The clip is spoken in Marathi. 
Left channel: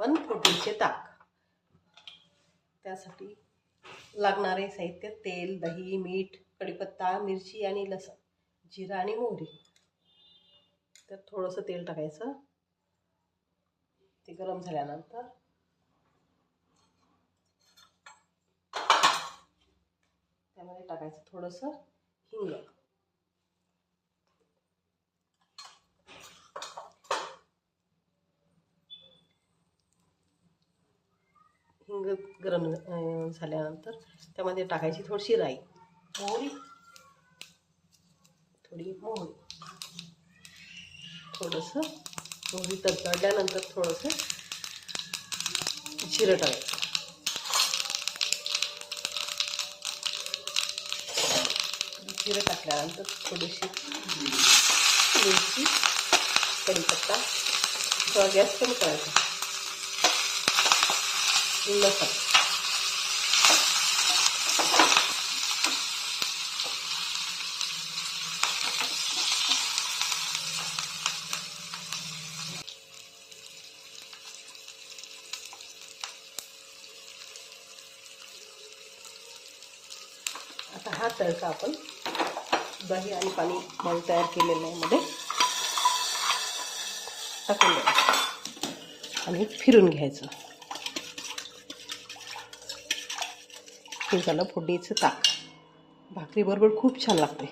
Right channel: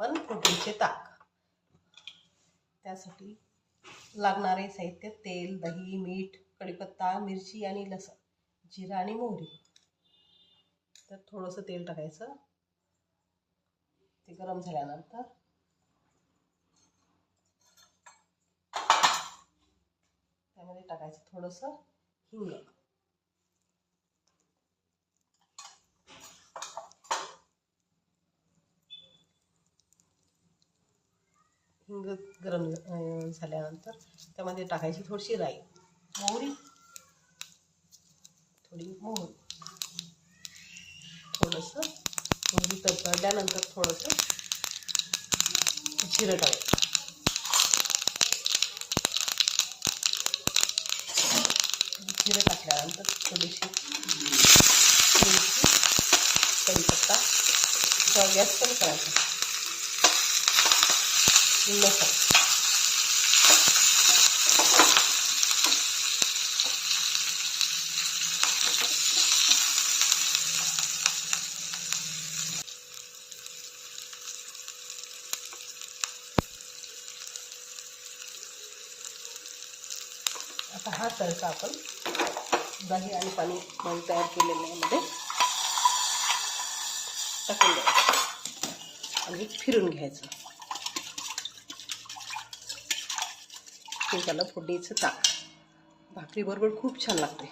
आपण फोडणीचे ताक. त्यासाठी लागणारे साहित्य: तेल, दही, मीठ, कढीपत्ता, मिरची आणि लसूण, जिरा आणि मोहरी. तर थोडंसं तेल टाकायचं. ते गरम झाल्यानंतर त्यामध्ये टाकायचं थोडंसं हिंग. हिंग गरम झाल्यानंतर त्यामध्ये टाकायची थोडीशी राई, थोडी मोहरी, थोडंसं मोहरी तडतडल्यानंतर थोडंसं जिरं टाकायचं. जिरं टाकल्यानंतर थोडीशी मिरची, कढीपत्ता, गॅस कमी करायचा. लसूण, आता हा तडका आपण दही आणि पाणी तयार केलेल्यामध्ये टाकून द्यायचं आणि फिरून घ्यायचं. हे झालं फोडणीचं ताक. भाकरीबरोबर खूप छान लागते.